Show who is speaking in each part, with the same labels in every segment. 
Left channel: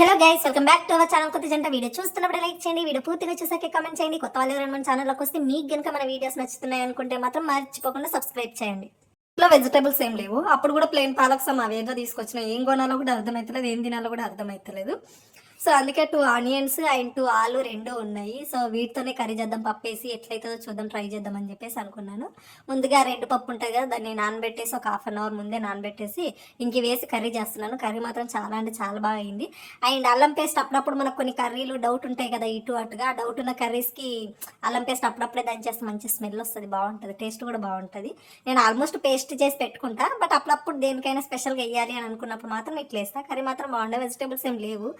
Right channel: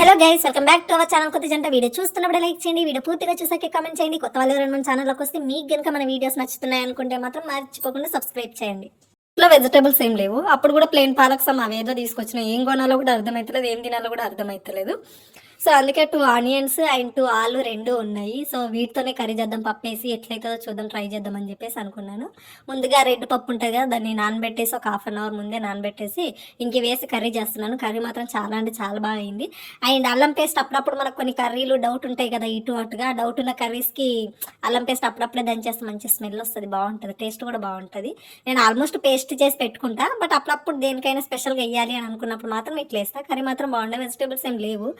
Speaker 1: Hello guys welcome back to our channel కొత్త జంట video చూస్తున్నప్పుడు లైక్ చేయండి. వీడియో పూర్తిగా చూసాక కామెంట్ చేయండి. కొత్త వాళ్ళు ఎవరైనా మన ఛానల్లోకి వస్తే మీకు కనుక మన వీడియోస్ నచ్చుతున్నాయి అనుకుంటే మాత్రం మర్చిపోకుండా సబ్స్క్రైబ్ చేయండి. ఇంట్లో వెజిటేబుల్స్ ఏం లేవు. అప్పుడు కూడా ప్లెయిన్ పాలక్స్ అవి ఏదో తీసుకొచ్చిన ఏం కొనాలో కూడా అర్థమవుతలేదు ఏం తినాలో కూడా అర్థమవుతలేదు సో అందుకే టూ ఆనియన్స్ అండ్ టూ ఆలు రెండు ఉన్నాయి. సో వీటితోనే కర్రీ చేద్దాం పప్పు వేసి ఎట్లయితుందో చూద్దాం ట్రై చేద్దాం అని చెప్పేసి అనుకున్నాను. ముందుగా రెడ్ పప్పు ఉంటుంది కదా దాన్ని నానబెట్టేసి ఒక హాఫ్ అన్ అవర్ ముందే నానబెట్టేసి ఇంక వేసి కర్రీ చేస్తున్నాను. కర్రీ మాత్రం చాలా అంటే చాలా బాగా అయింది. అండ్ అల్లం పేస్ట్ అప్పుడప్పుడు మనకు కొన్ని కర్రీలు డౌట్ ఉంటాయి కదా ఇటు అటుగా. డౌట్ ఉన్న కర్రీస్కి అల్లం పేస్ట్ అప్పుడప్పుడే దంచేస్తే మంచి స్మెల్ వస్తుంది బాగుంటుంది టేస్ట్ కూడా బాగుంటుంది. నేను ఆల్మోస్ట్ పేస్ట్ చేసి పెట్టుకుంటా బట్ అప్పుడప్పుడు దేనికైనా స్పెషల్గా వేయాలి అని అనుకున్నప్పుడు మాత్రం ఇట్లా వేస్తా. కర్రీ మాత్రం బాగుండే వెజిటేబుల్స్ ఏం లేవు.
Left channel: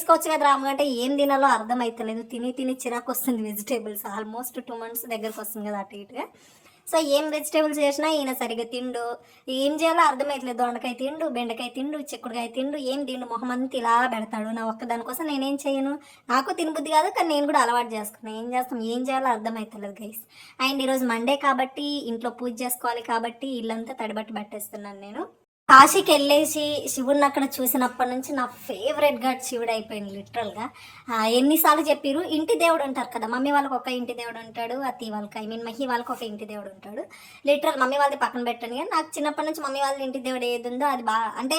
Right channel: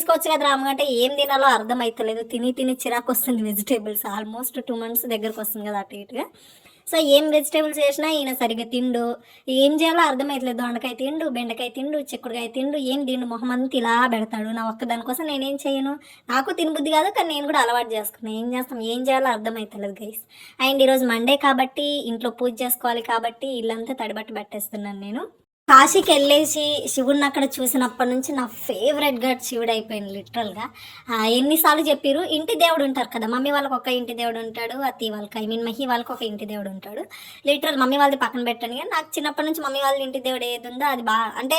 Speaker 1: తీసుకోవచ్చు కదా రాము అంటే ఏం తినాలో అర్థమవుతలేదు తిని తిని చిరాకు వస్తుంది వెజిటేబుల్స్. ఆల్మోస్ట్ టూ మంత్స్ దగ్గరకు వస్తుంది కదా అటు ఇటుగా. సో ఏం వెజిటేబుల్స్ చేసినా ఈయన సరిగ్గా తిండు. ఏం చేయాలో అర్థమవుతలేదు దొండకాయ తిండు బెండకాయ తిండు చిక్కుడుకాయ తిండు ఏం తిండు మొహం అంతా ఇలా పెడతాడు. నా ఒక్క దానికోసం నేనేం చేయను. నాకు తినబుద్ధి కాదు కానీ నేను కూడా అలవాటు చేసుకున్నాను ఏం చేస్తాం? ఏం చేయాలో అర్థమవుతలేదు గైస్ అండ్ ఈరోజు మండే కాబట్టి ఇంట్లో పూజ చేసుకోవాలి కాబట్టి ఇల్లంతా తడిబట్టి పెట్టేస్తున్నాను నేను. కాశీకి వెళ్ళేసి శివుడిని అక్కడ చూసినప్పటి నుంచి నా ఫేవరెట్ గడ్ శివుడు అయిపోయింది లిటరల్గా ఎన్నిసార్లు చెప్పారు ఇంటి దేవుడు ఉంటారు కదా మమ్మీ వాళ్ళకి ఒక ఇంటి దేవుడు ఉంటాడు అతి వాళ్ళకి ఐ మీన్ మహి వాళ్ళకి ఒక ఇంటి దేవుడు ఉంటాడు. లిటరల్ మమ్మీ వాళ్ళది పక్కన పెట్టాను కానీ నాకు చిన్నప్పటి నుంచి మమ్మీ వాళ్ళ ఇంటి దేవుడు ఏది ఉందో అది బాగా అంటే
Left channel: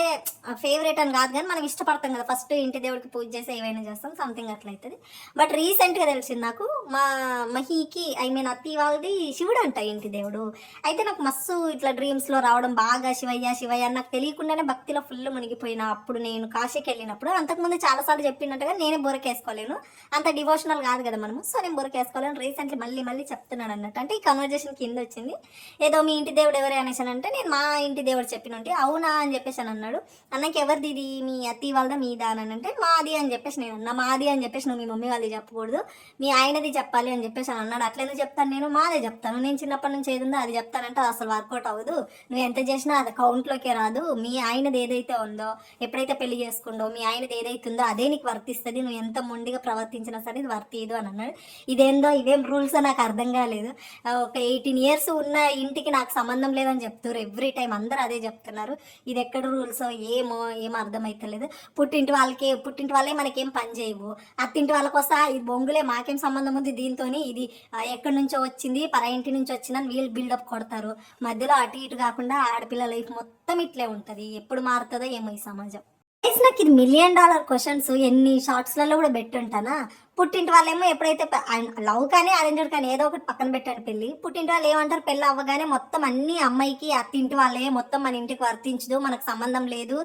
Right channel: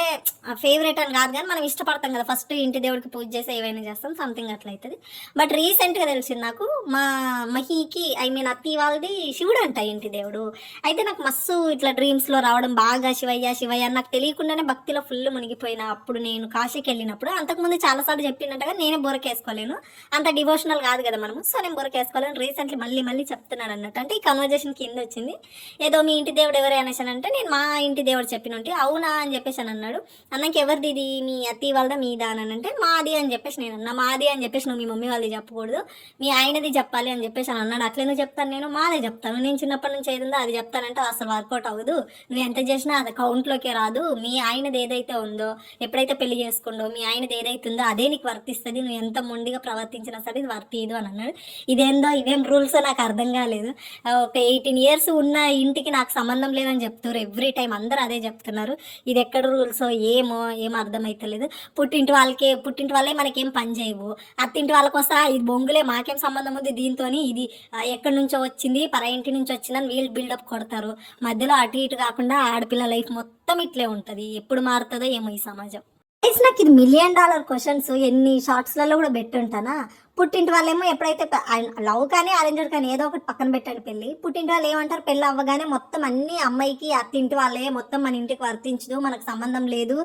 Speaker 1: ఫేవరెట్ అని కాదు కానీ మనం ఇష్టపడతాం కదా ఫస్ట్ ఇంటి దేవుడికి పూజ చేసి ఏవైనా చేస్తాం సంథింగ్ అట్లా అవుతుంది బట్ రీసెంట్గా తెలిసింది నాకు మా మహికి ఐ మీన్ అత్తి వాళ్ళది శివుడు అంట ఇంటి దేవుడు. అయితే నాకు మస్తు ఇట్లా డ్రీమ్స్లో రావడం బాగా శివయ్య శివయ్య అన్న నాకు తెలియకుండానే భక్తిలో ఫుల్ మునిగిపోయిన అప్పుడు నేను కాశీకి వెళ్ళినప్పుడు అంతకుముందు చాలాసార్లు చెప్పినట్టుగా నేనే బొరకేసుకోలేను. అంత డివోషనల్ కాదు కదా మనము. సో నేను బొరకేసుకోలేను. రీసెంట్లీ మళ్ళీ మళ్ళీ చెప్తున్నాను అన్నట్టు. అంటే ఈ కన్వర్జేషన్ కింద వచ్చింది. ఏదో మీ ఇంటి దేవుడు ఎవరు అనేసి అంటే నేను మా ఇంటి దేవుడు చెప్పినంటే అవునా అని చెప్పేసి అని అన్నాడు. అన్నకి ఎవరిది ఇది? మీ అత్తి వాళ్ళదా? మీదా అని అంటే మాది అని చెప్పేసి నేను అన్నా. మాది అని చెప్పేసి నువ్వు మీ మమ్మీ వాళ్ళది చెప్పకూడదు. మీ ఆయనది చెప్పాలి అని చెప్పేసి అని అన్నాడు. అట్లనే చెప్తాను నేను? మాదే చెప్తాను. నేను చిన్నప్పటి నుంచి ఏది ఉందో అది చెప్తానంటే అసలు వర్కౌట్ అవ్వదు. నువ్వు ఎంత చేసినా అది కౌంట్లోకే కాదు. మీ ఆయనది ఏదైతే ఉందో ఎప్పుడైతే పెళ్ళి చేసుకుండో మీ ఆయనది ఏదైతే ఉందో అదే నీకు వర్తిస్తుంది. నువ్వు ఎంత మొండిగా ప్రవర్తించినా సరే ఇది వర్తిదు అని అన్నాడు. ఇదేందో ఇదేం రూల్స్ నాకు అర్థం కాలేదు. ఒక ఎయిటీన్ ఇయర్స్ ఉన్న ఇంటికి నాకు సంబంధం లేదని చెప్తారు ఎవ్రీ టైం అందరూ అదే చెప్తున్నారు. ఇది ఎక్కడ రూల్స్ ఏమో ఏం అర్థమైతలేదు. పుట్టింటి వాళ్ళకే పుట్టింటి వాళ్ళే మనకేం పని చేయవు. అత్తింటి వాళ్ళ కోసం ఇది బొంగులే మాకేం సంబంధం ఉంది దీంతో ఇది ఎక్కడి నుంచో వచ్చింది పర ఇంటి నుంచి వచ్చిందని వీళ్ళు బిల్డప్ కొడతారు. మధ్యలో అటు ఇటు కాకుండా ఆడపిల్ల లైఫ్ మొత్తం ఇట్లే ఉంటుంది. ఎప్పుడు మారుతుందో ఏమో ఈ సమాజం. నాకు ఇది మిలియన్ డాలర్ క్వశ్చన్స్ ఎన్ని షార్ట్స్లలో కూడా పెట్టుంటానా పుట్టింటి వాళ్ళేమో ఎప్పుడైతే లవ్ కానీ అరేంజ్డ్ కానీ ఏదో ఒకటి పక్కన పెట్టాడు పెళ్ళి. పుట్టింటి వాళ్ళు ఏమంటారు? పెళ్ళి అవ్వగానే మొత్తం అన్ని అమ్మాయికి అత్తింటి వాళ్ళే మొత్తం మన ఇంటికి వర్తించదు మనకు సంబంధం లేదు.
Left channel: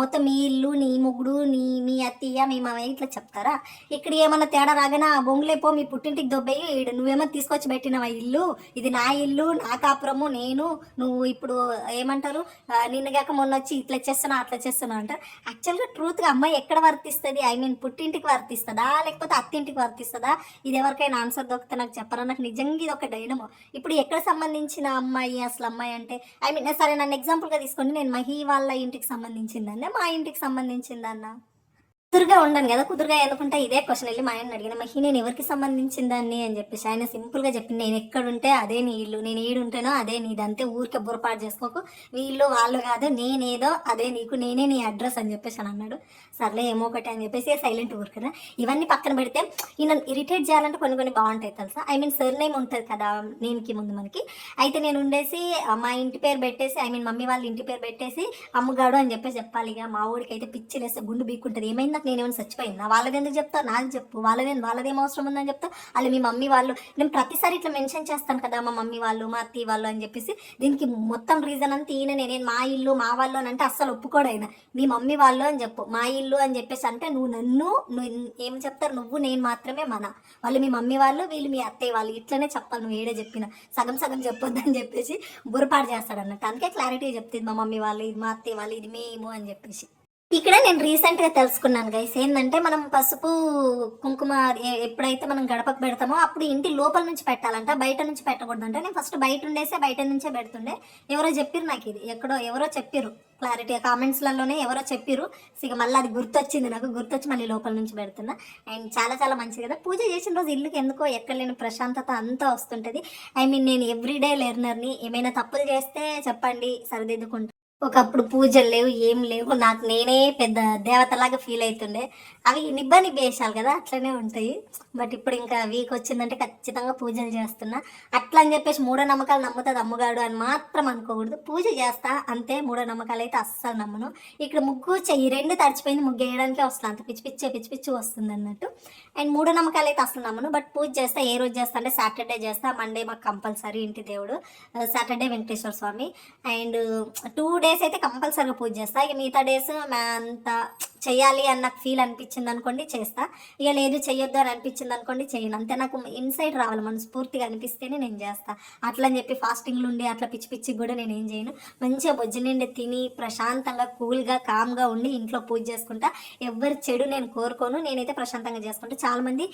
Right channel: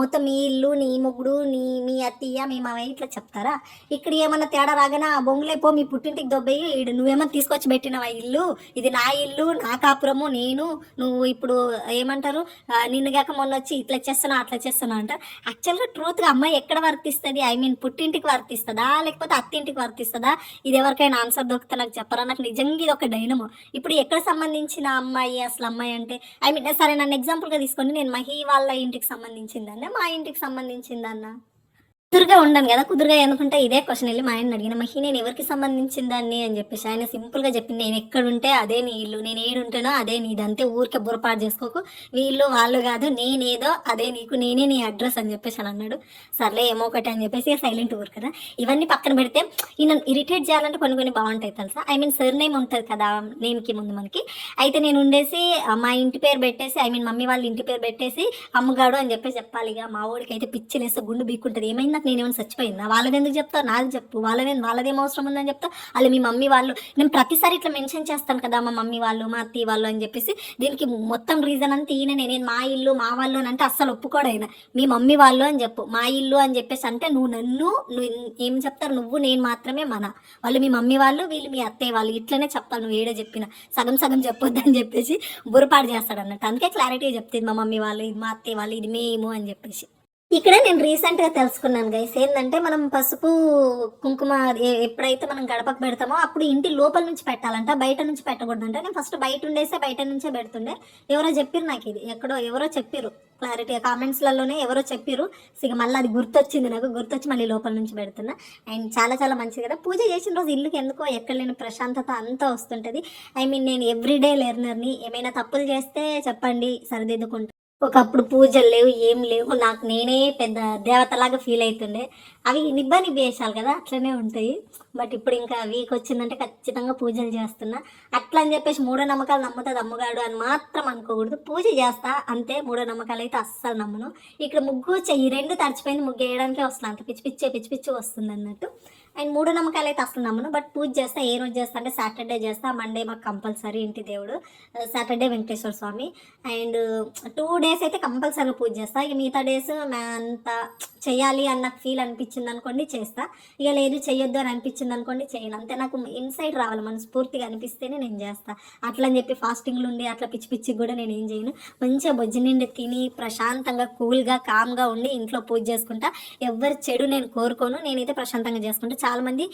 Speaker 1: మొత్తం మీ ఇల్లు నీ మొగుడు నీ మీ అత్తయ్య మీ మామయ్య ఇట్లా చెప్తారా? ఇక్కడ ఏమన్నా తేడా రాగానే ఆ బొంగులే పో మీ పుట్టింటికి దొబ్బయ్యి ఈడ నువ్వేమో తీసుకొచ్చి పెట్టినవా ఇల్లు? ఇది నా ఇల్లు నా కాపురము నేను నువ్వు ఇప్పుడు ఏమంటారు? ఆ, నిన్ను మొన్న వచ్చి ఇట్లా చేస్తున్నా అట్లా చేస్తున్నా అంటారు. యాక్చువల్గా ట్రూత్గా అమ్మాయి ఎక్కడ వర్తిస్తుంది? ఐ మీన్ పుట్టింటికి వర్తిస్తుందా? లేకపోతే అత్తింటికి వర్తిస్తుందా? ఇది ఎవరికైనా ఆన్సర్ దొరికితే నాకు చెప్పరా? నాకు నిజంగా ఇది ఒక డైనమో ఇప్పుడు ఎక్కడ సంబంధించిన అమ్మాయి అసలు అమ్మాయి అంటే ఐ మీన్ సరే నన్ను ఎగ్జాంపుల్గా తీసుకోండి. నేను మహి వాళ్ళ ఇంటికి సంబంధించిందన్న మా ఇంటికి సంబంధించిందన్నా. కుదురుగా ఉండను కదా కుదురుగా ఎందుకంటే ఇదే క్వశ్చన్ వెళ్ళి మా ఆయన అడిగిన మహి నేను ఎవరికి సంబంధించిన దాన్ని? అని చెప్పేసి ఆయన సింపుల్గా చెప్పింది నేను ఎక్కడుంటే అదే నీ ఇల్లు నేను ఏడుంటానో అదే నీదంతే ఊరికే బురపాటు చేసుకోకు వీళ్ళు వాళ్ళు కాదు నేనేదో అదే నీకు నేనే నీ అడ్రస్ అని చెప్పేసి అని అన్నాడు. సర్లే ఏమో ఒకటి అని చెప్పేసి సైలెంట్ ఊరు కదా. ఇవన్నీ పక్కన పెడితే ఈయన ఇరిటేట్ చేయాలంటే కొన్ని కొన్ని బాగుంటాయి తెలుసా? ఐ మీన్ సర్ నేమ్ ఉంటుంది కదా నేమ్కి ముందు మనకి. అయితే నేను ఉండేసి మా ఇంటి పేరు పెట్టేసి ఐ మీన్ మమ్మీ వాళ్ళ ఇంటి పేరు పెట్టేసి అమ్మగాడు అని చెప్పేసి చెప్పాలి ఇక. మా ఊరికి అయితే పిచ్చిలేస్తే గుండు బీక్కుంటుంది. ఏమైనా నాకు నేనేమైనా చచ్చిపోయిందా? వాళ్ళది ఎందుకు చెప్తా? నాకు చెప్పు. వాళ్ళదే వాళ్ళదేం అవసరం ఉందని చెప్తా? వాళ్ళు మీ మమ్మీ వాళ్ళు నేను ప్రతిసారి ఇట్లా మెన్షన్ చేస్తాను కదా మా మమ్మీ వాళ్ళు మా అత్తయ్య వాళ్ళు అని చెప్పేసి దీనికి మొత్తం రీజన్ అంతా ఈయన నేను మా ఇల్లు మా వాళ్ళు అని అంటే అస్సలు ఒప్పుకోడైనా మీ మమ్మీ వాళ్ళు అని చెప్పు. మా ఇల్లు అని చెప్పేసి అంటే నువ్వు నన్ను నువ్వు ఏం చెప్తారు? నువ్వు నేను మాత్రమే మన. వాళ్ళు మీ మమ్మీ వాళ్ళు వీళ్ళు మీ అత్తయ్య వాళ్ళు. ఇట్లనే చెప్పాలి నువ్వు ఏడే చెప్పిన. సగం సగం చెప్పొద్దు అని చెప్పేసి బురపాటు చేస్తాడు అన్నట్టు. అందుకే క్లారిటీగా చెప్తుంది మా మమ్మీ వాళ్ళు ఇది మా అత్తయ్య వాళ్ళు ఇది మేము అని చెప్పేసి. ఇక్కడ నేను రీసెంట్గా తెలుసుకున్నాను గైస్ ఏంటంటే మనం పసుపు కుంకుమ ఎప్పుడైతే మనం గడపకు పెడతామో అప్పుడు ఇంటి లోపల నుంచి పెట్టాలంట బయట నుంచి పెట్టకూడదంట. నేను ఫస్ట్ బయట ఉండేసే బయట నుంచే పెడుతుండే. ఎవరో చెప్పారు నాకు ఇది. ఎక్కడో ఎవరో చెప్పారు క్లారిటీ కామెంట్స్లలోనే ఎవరో చెప్పారు ఇక మళ్ళీ అది గుర్తొచ్చింది నాకు. గుర్తొచ్చి మళ్ళీ లోపల నుంచి పెడుతున్నా. అండ్ చాలా చాలా మంచిది కదా. పూజ చేసిన రోజు ఇల్లుకి ఎందుకో ఎక్కడ లేని ప్రశాంతత అంతా వస్తుంటుంది. ఐ మీన్ నేను ఎవ్రీడే లెర్నర్ని ఏమైనా తప్పులు చేస్తే చెప్పండి సరిదిద్దుకుంటా. ఒకప్పుడు పూజలు లేవు ఏం లేవు. నాకు నేనే పెద్ద దేవతలాగా ఫీల్ అవుతుండే అవి నిబ్బా నిబ్బేసాలు కదా అట్లనే ఉంటాయి. బట్ ఇప్పుడు ఇంకా వీక్ వచ్చిందంటే ఖచ్చితంగా పూజలు చేస్తున్నా. అట్లా అని చెప్పేసి మూఢో నమ్మకాలు నమ్ముతుంది అమ్మగాడు అని మాత్రం అనుకోకూడదు. పూజ చేస్తా అంతే మూఢో నమ్మకాలు అయితే అస్సలు నమ్మను. ఇక్కడ ముగ్గు చెయ్యి రెండు తడిచిపోయింది ముగ్గు వేయడానికే వస్తుంది అంత పిచ్చి పిచ్చి పిచ్చి పిచ్చి వస్తుంది అన్నట్టు. అండ్ మూఢ నమ్మకాలు అయితే అసలు నమ్మను. బట్ పూజ చేస్తా ఏ రోజు చేస్తా అంటే సాటర్డే చేస్తా. మండే మాకు కంపల్సరీ ఇంటి దేవుడు Saturday Venkateswara Swamy. And two days అయితే కంపల్సరీగా పూజ చేస్తా. ఇక మిగతా డేస్ అంత చేయాలి అన్న నాకు ఫీల్ అనిపించింది అనుకోండి చేస్తా. ఇక లేదు చేయొద్దు అని అనిపించింది అనుకోండి చేయను అంతే నాకు ఇన్సైడ్ రావాలి మనస్ఫూర్తిగా అనిపిస్తేనే నేను చేస్తా. అట్లా అని చెప్పి ఫాస్టింగ్లు ఉండి అట్లా పిచ్చి పిచ్చికి కూడా నేను ఏం చేయను. మంచిగా బొజ్జు నిండి తిని ప్రశాంతంగా కూల్గా కామ్గా ఉండి ఇంట్లో పూజ చేసుకుంటా. ఎవరి చెడు నేను కోరుకోను. నేనైతే ప్రశాంతంగా చేసుకుంటా. చాలామంది మంది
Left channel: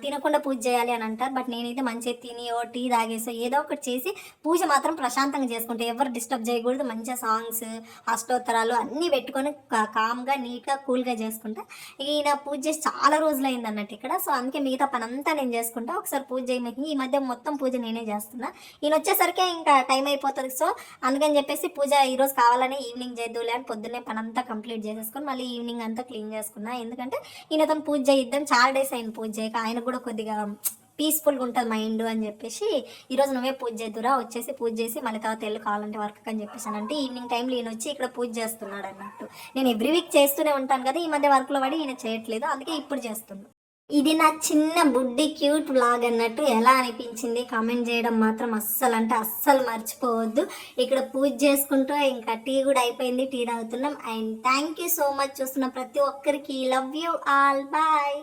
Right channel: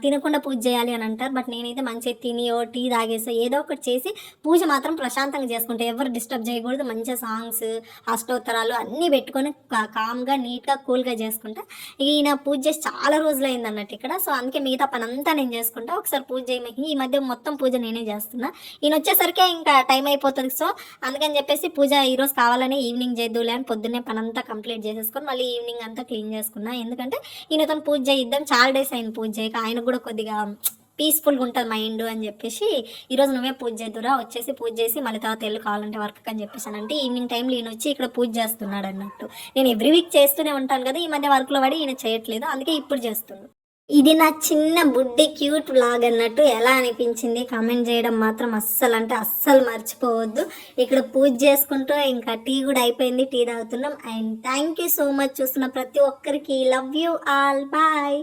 Speaker 1: తినకుండా పూజ చేయాలి అని అంటారు. బట్ నేనైతే మంచిగా తినియో టీ తాగేసో ఏదో ఒకటి చేసి పూజ మాత్రం ప్రశాంతంగా చేసుకుంటా. ఎవరు డిస్టర్బ్ చేయకూడదు. మంచిగా సాంగ్స్ అష్టోత్తరాలు అన్నీ పెట్టుకొని కా- కామ్గా నీట్గా కూల్గా చేసుకుంటా. ఈయన పూజ చేసి చాలా రోజులు అయింది అన్నట్టు ఇక్కడ. సో అందుకే మిగతా పని అంతా నేను చేసుకుంటా. ఒకసారి పూజ చేయమని ఈ మధ్య మొత్తం పూజ నేనే చేస్తున్నా. ఈయన వచ్చేసరికి ఇంకా టైం అయిపోతుంది. సో అందుకని చెప్పేసి పూజ ఈరోజు కావాలని ఈవినింగ్ చేద్దులే అని పొద్దున్నే పనంతా కంప్లీట్ చేసేసుకొని మళ్ళీ ఈవినింగ్ అంతా క్లీన్ చేసుకున్నా. ఎందుకంటే ఈయనతో పూజ చేయిద్దాం. చాలా డేస్ అయింది పూజ. చేయక ఆయన కూడా కొద్దిగా పీస్ఫుల్గా ఉంటుంది మైండ్ అని చెప్పేసి ఈరోజు నువ్వే పూజ చేద్దురా వచ్చేసి పూజ చేసి మళ్ళీ తర్వాత వెళ్ళి కావాలంటే వర్క్ అని చెప్పేసి అంటే ఈవినింగ్ టైంలో ఈయన వచ్చి ఇక్కడ పూజ చేస్తున్నాడు అన్నట్టు. నేను ఎవ్రీ వీక్ చేస్తూనే ఉంటాను కదా ఈ మధ్య వర్క్లో పడి ఈయన చేయట్లేదు అందుకే ఇప్పుడు చేస్తున్నాను ఇది నా చిన్న బుడ్డి క్యూట్ బ్లాగ్ అన్నట్టు ఎలా అనిపించింది? కామెంట్ చేయడం మాత్రం అస్సలు అంటే అస్సలు మర్చిపోవద్దు. ఇక్కడ పూజ చేసుకుంటూ ఇంకా టీ కూడా అయిపోయింది టీ తాగుతున్నాం. And thank you so much చూస్తున్న ప్రతి ఒక్కరికి లవ్ యూ ఆల్ బాయ్